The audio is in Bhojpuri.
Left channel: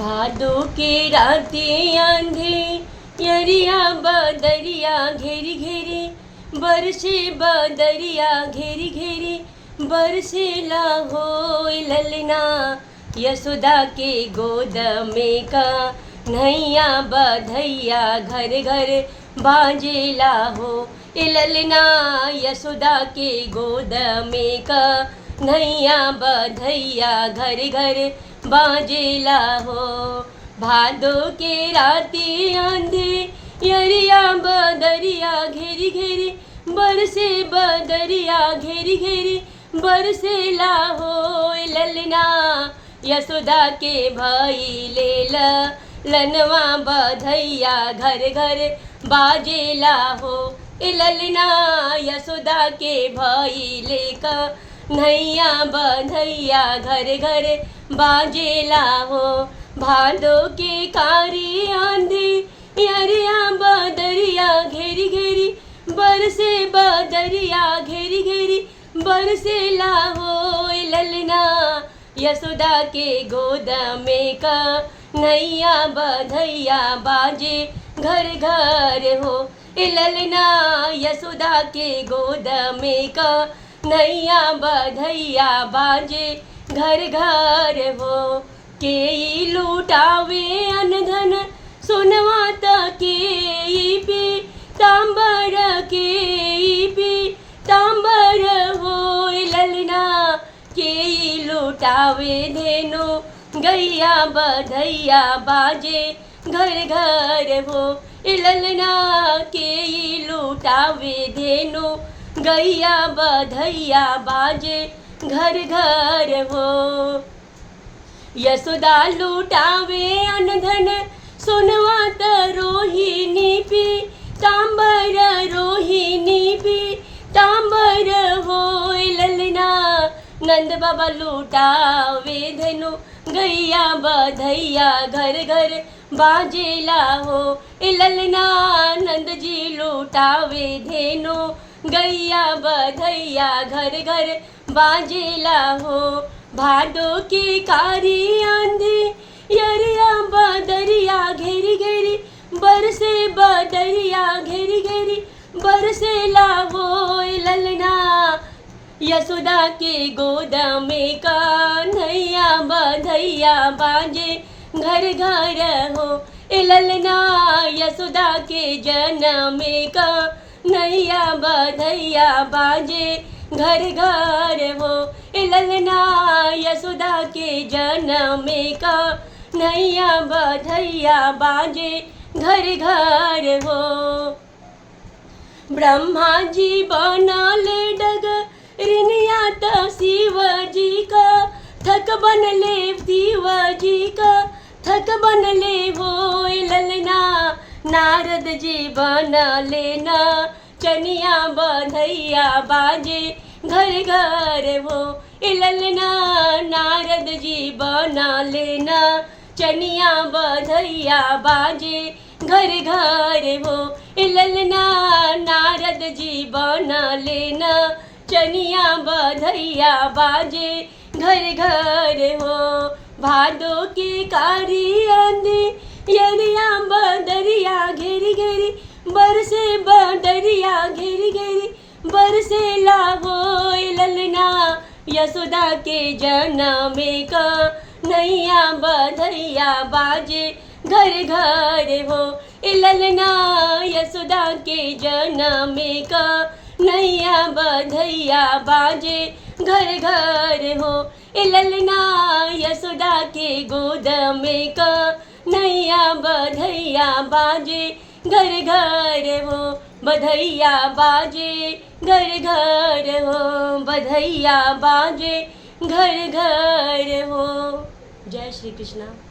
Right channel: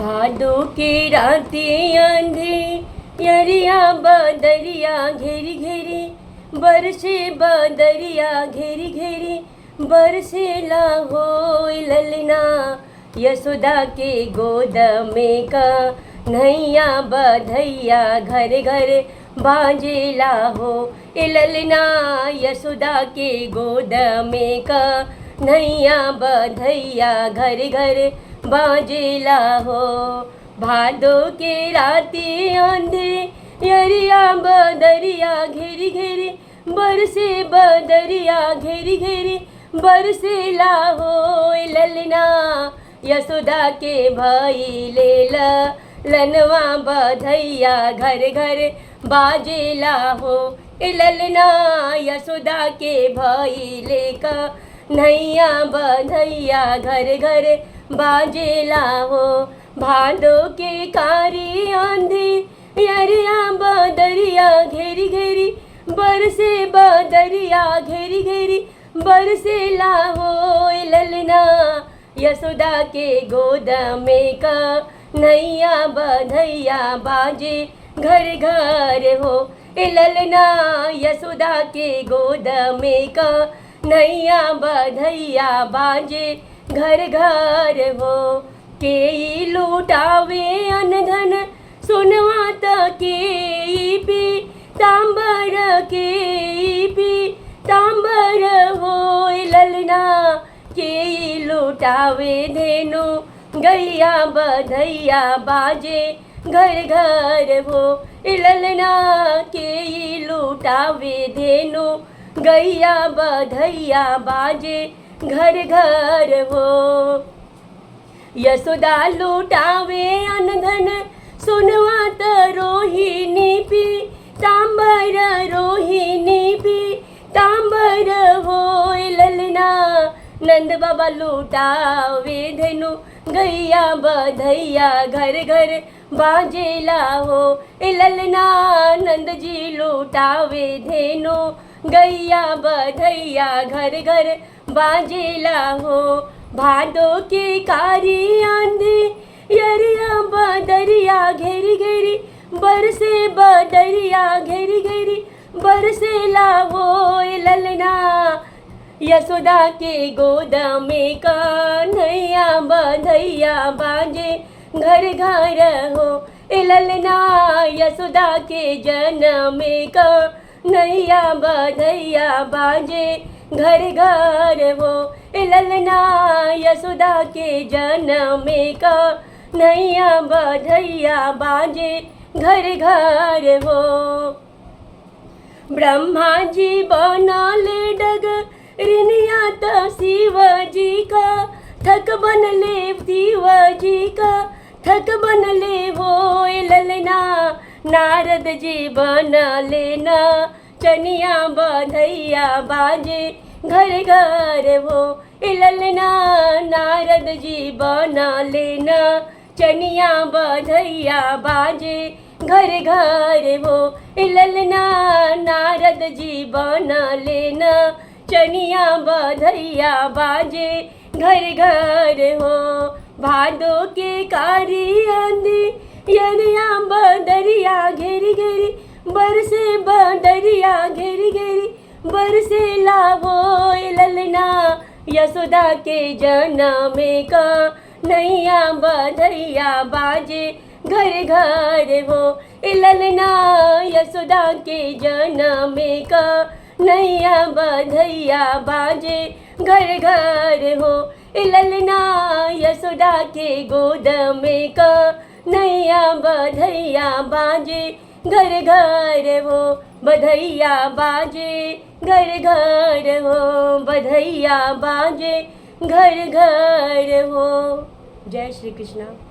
भादो के रातें अंधियरिया बदरिया घेरी घेरी बरसे बदरिया घेरी घेरी बरसेला हो ललना यशोदा के गोद में का नैया बधैया घर घर बाजेला हो ललना यशोदा के गोद में का नैया बधैया घर घर बाजेला हो। भादो के राती अंधियरिया बदरिया घेरी घेरी बरसे बदरिया घेरी घेरी बरसेला हो ललना यशोदा के भइले ललनवा बधैया घर घर बाजेला हो ललना यशोदा के भइले का नैया बधैया घर घर बाजेला हो। भादो के कारी अंधियरिया बदरिया घेरी घेरी बरसे बदरिया घेरी घेरी बरसेला हो ललना यशोदा के गोद में का नैया बधैया बाजे घर घर हो ललना यशोदा के गोद में का नैया बधैया बाजे घर घर हो। के लूटावे अनधन सुनवा के पी तांबर के पी तांबर हो ललना के लूटावे धेनु गैया बधैया बाजे घर घर हो ललना के लूटावे धेनु गैया बधैया बाजे घर घर हो। यशोदा लूटावे अनधन सुनवा रोहिणी पी तांबर रोहिणी पी तांबर हो ललना नंद बाबा लूटावे धेनु गैया बधैया घर घर बाजेला हो ललना नंद जी लूटावे धेनु गैया बधैया घर घर बाजेला हो। भादो के कारी अंधियरिया बदरिया घेरी घेरी बरसे बदरिया घेरी घेरी बरसेला हो ललना यशोदा के गोद में का नैया बधैया बाजे घर घर हो ललना यशोदा के जन्म का नैया बधैया बाजे घर घर हो ललना यशोदा के जन्म का नैया बधैया बाजे घर घर हो। ब्रह्मा जी बनले डगरिनिया त शिव जी का थक बनले शिव जी का थक बनले हो ललना नारद जी बनले ना चनिया बधैया बाजे घर घर हो ललना नारद जी बनले ना चनिया बधैया बाजे घर घर हो ललना नारद जी बनले ना चनिया बधैया बाजे घर घर हो। भादो के कारी अंधियरिया बदरिया घेरी घेरी बरसे बदरिया घेरी घेरी बरसेला हो ललना यशोदा के जन्म का नैया बधैया बाजे घर घर हो ललना यशोदा के जन्म का नैया बधैया बाजे घर घर हो ललना यशोदा के गोद में का नैया बधैया बाजे घर घर हो बधैया बाजे घर घर हो बधैया बाजे घर घर हो। जय श्री कृष्णा।